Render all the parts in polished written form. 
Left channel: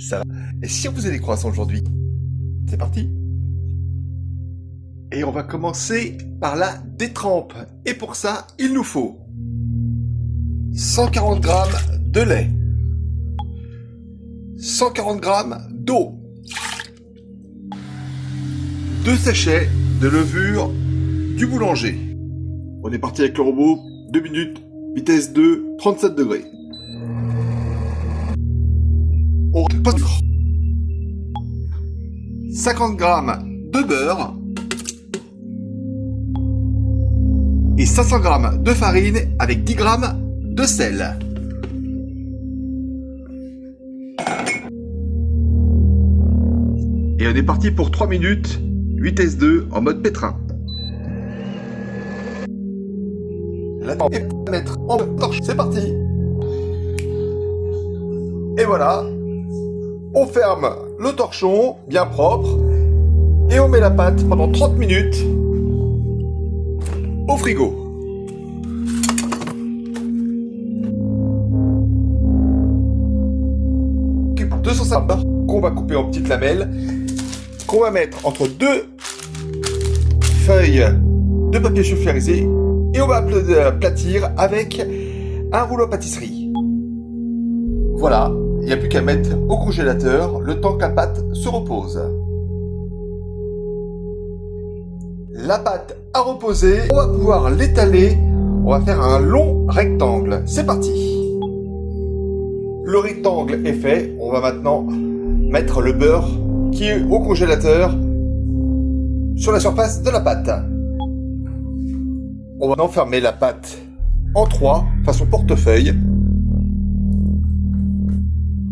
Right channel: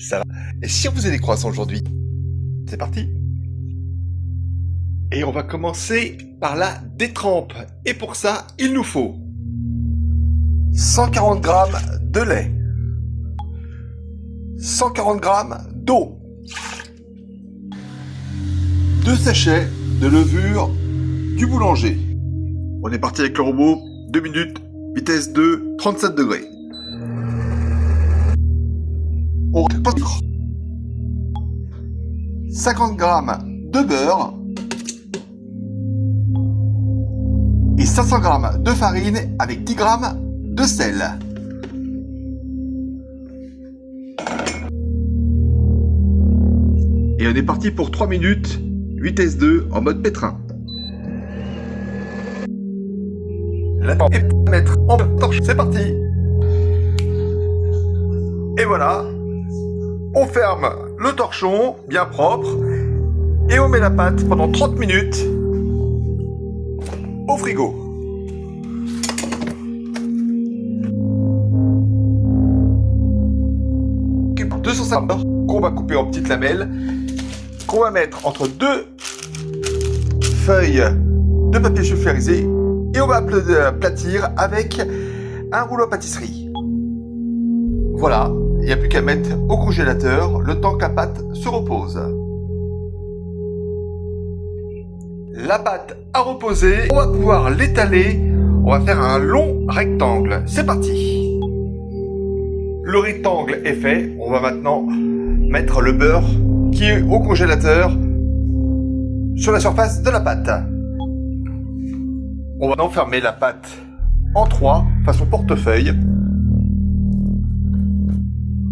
Ça va. Et si on faisait des croissants aujourd'hui? C'est parti. Et on va commencer par la détrempe. Et pour ça, il nous faut 140 g de lait, 140 g d'eau, 2 sachets de levure du boulanger. On est parti avec le robot, 2 minutes, vitesse 2, 37 degrés. On 50 g de beurre et 500 g de farine avec 10 g de sel. Et on est parti pour 3 minutes, vitesse 2 en mode pétrin. La temps est à mettre en torche, c'est parti. Et voilà, on ferme le torchon bien propre et on met la pâte pendant 30 minutes au frigo. Occupe 250 g qu'on va couper en petites lamelles, qu'on va mettre entre 2 feuilles de papier sulfurisé et on va aplatir avec un rouleau à pâtisserie. Voilà, il n'y a plus qu'à mettre au congélateur le temps que la pâte se repose. La pâte a reposé, on va pouvoir l'étaler, on va faire un long rectangle. C'est parti. Le rectangle est fait, on va maintenant mettre le beurre qui est au congélateur sur la surface de la pâte. On va maintenant fermer la pâte en 3, façon portefeuille.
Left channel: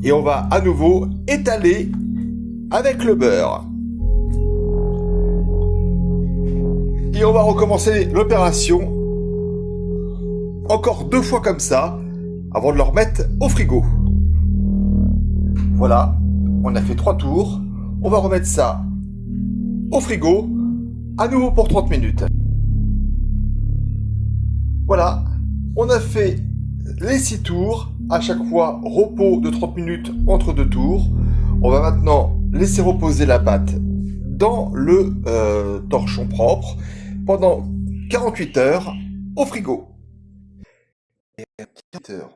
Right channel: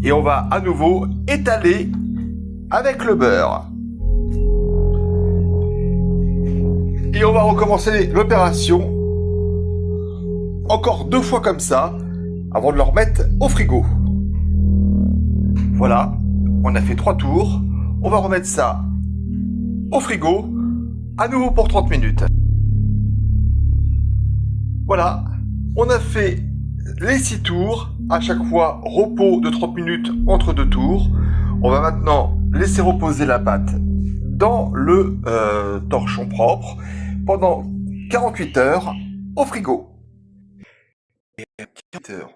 Et on va à nouveau étaler avec le beurre. Et on va recommencer l'opération encore 2 fois comme ça avant de le remettre au frigo. Voilà, on a fait 3 tours. On va remettre ça au frigo à nouveau pour 30 minutes. Voilà, on a fait les 6 tours, à chaque fois repos de 30 minutes entre 2 tours. On va maintenant laisser reposer la pâte dans le torchon propre pendant 48 heures au frigo. Et à 48 heures,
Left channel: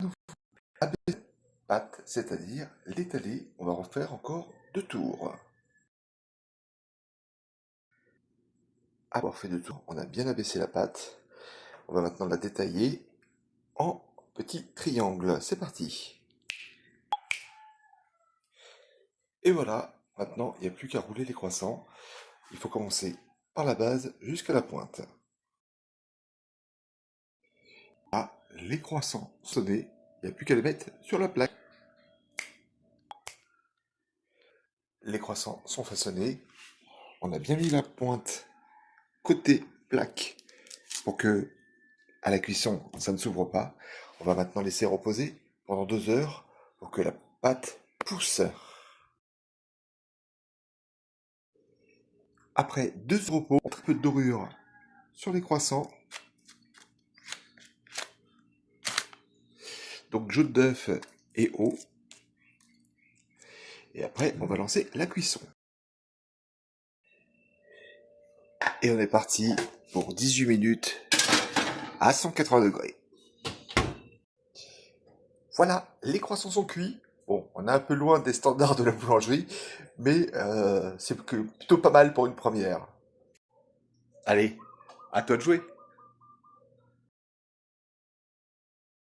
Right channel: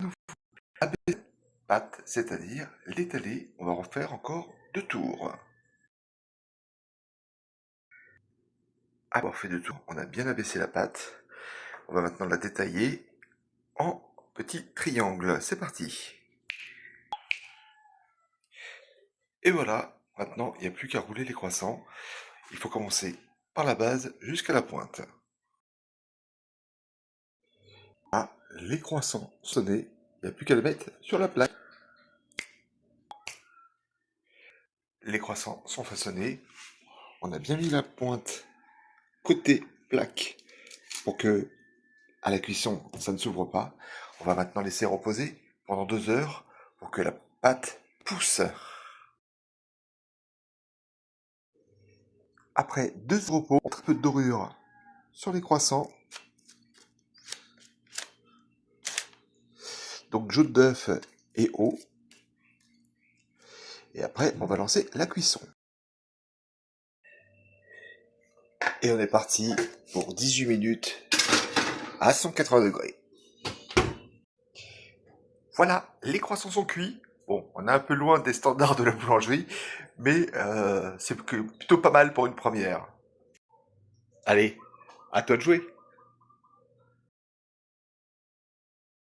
nous abaisser la pâte, c'est-à-dire l'étaler. On va refaire encore 2 tours. Après avoir fait 2 tours, on a bien abaissé la pâte. On va maintenant la détailler en petits triangles. C'est parti. Et voilà, maintenant il n'y a plus qu'à rouler les croissants. Il faut commencer par la base jusqu'à la pointe. Ah, les croissants sonnés, il n'y a plus qu'à les mettre sur la plaque. Les croissants sont façonnés. On a bien mis la pointe côté plaque pour que à la cuisson ça ne s'ouvre pas. On va maintenant laisser reposer pendant 2 heures pour que la pâte pousse. Après 2 heures de repos, un peu de dorure sur les croissants. Donc jaune d'œuf et eau. Et après, on va lancer la cuisson. Et on est parti pour 18 minutes à 180 degrés. Voilà, les croissants sont cuits. Bon, on est un peu loin des standards de la boulangerie, mais c'est plutôt pas mal pour une première. Allez, à toi de jouer.